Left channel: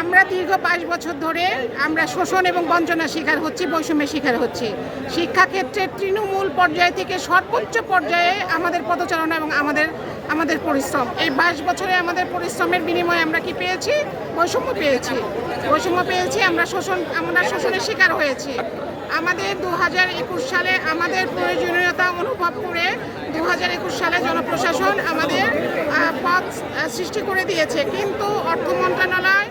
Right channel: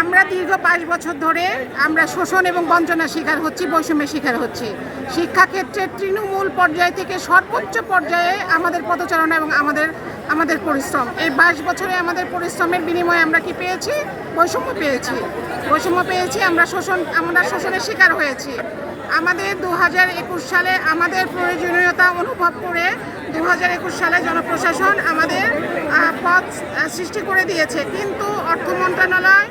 আমরা দীর্ঘ ২২ বছর ধরে আমরা শোষণ এবং বঞ্চনার শিকার হচ্ছি, বৈষম্যের শিকার হচ্ছি। শিক্ষাক্ষেত্রের তৃণমূল পর্যায় থেকে সর্বোচ্চ পর্যায়ে আমাদের পদচারণা এবং আমাদের পরিশ্রম, এই ২২ বছরে আমাদের পরিশ্রমের বিনিময়ে আমরা কি পেয়েছি? বৈষম্য পেয়েছি। আমরা শোষণের শিকার হয়েছি। আমাদের ২০২১ সালে আমাদের প্রয়োজনীয়তা অনুভব করে ২০২১ সালে জনপ্রশাসন আমাদের পদ সৃষ্টি করে দিয়েছে, কিন্তু অর্থ মন্ত্রণালয়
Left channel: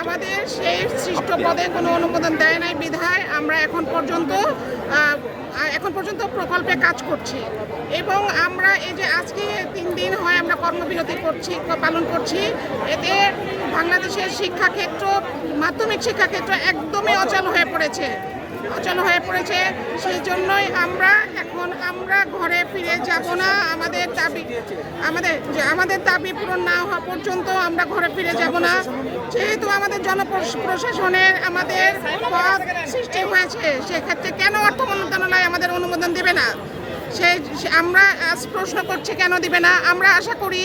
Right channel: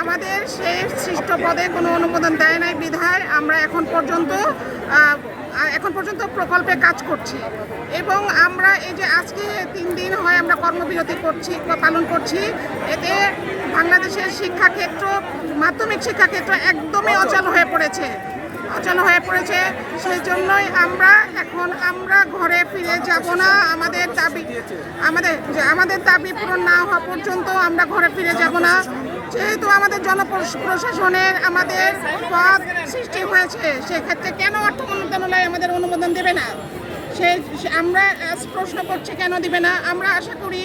আমাদের সেই সৃষ্ট পদে কোনো অনুমোদন দেয় নাই বিধায় আমরা এখন পর্যন্ত প্রকল্পে কাজ করছি। এবং আমরা এই যে আজকে ৩ দিন হয় আমরা কর্মবিরতি পালন করছি, এতে বাংলাদেশের শিক্ষাক্ষেত্র, মাধ্যমিক শিক্ষাক্ষেত্র একদমই অচল হয়ে পড়েছে। সেই জন্যই আমরা ঘরে ফিরে যাব না। আমাদের দাবি পূরণ না হওয়া পর্যন্ত আমরা ঘরে ফিরে যাব না। যেহেতু আমাদের জনপ্রশাসনের আমাদের পদ সৃষ্টি হয়েছে, সেক্ষেত্রে কেন অর্থ মন্ত্রণালয় আমাদের অনুমোদন দেবে না? প্রশ্ন করছি কেন দিবে না। আমরা আশা করি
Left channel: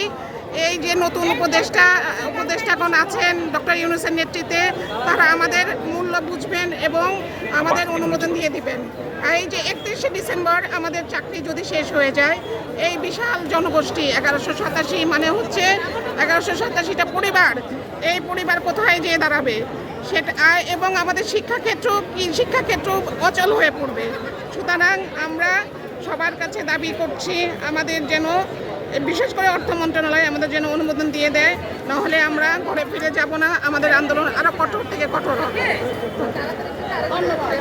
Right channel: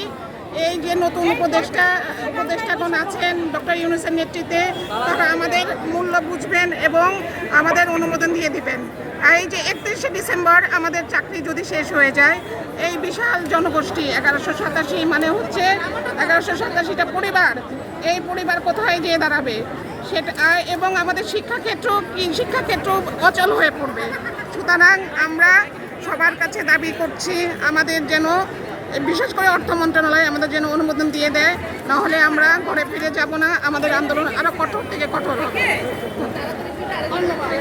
এই যে নতুন উপদেষ্টাগণ আছেন ডক্টর ইউনূসের নেতৃত্বে, তারা আমাদের মূল্য বুঝবেন এবং আমাদের অনুমোদন দিয়ে দিবেন। আর এই যে ৩১শে ডিসেম্বর আমাদের চাকরি যদি শেষ হয়ে যায়, এই বিশাল জনগোষ্ঠী ১১৮৭ মানে হচ্ছে ১১৮৭টা পরিবার, এই পরিবার কোথায় যেয়ে দাঁড়াবে সেটা, এবং আমাদের শিক্ষাক্ষেত্র অচল হয়ে পড়বে। সুতরাং আমরা সবার কাছে দাবি করছি আমাদের যেন, বিশেষ করে অর্থ মন্ত্রণালয় আমাদের যেন অনুমোদন দিয়ে দেয়, নাহলে আমরা ঘরে ফিরে যাব না। আমাদের আন্দোলন আরো কঠোর থেকে কঠোর হবে। ধন্যবাদ।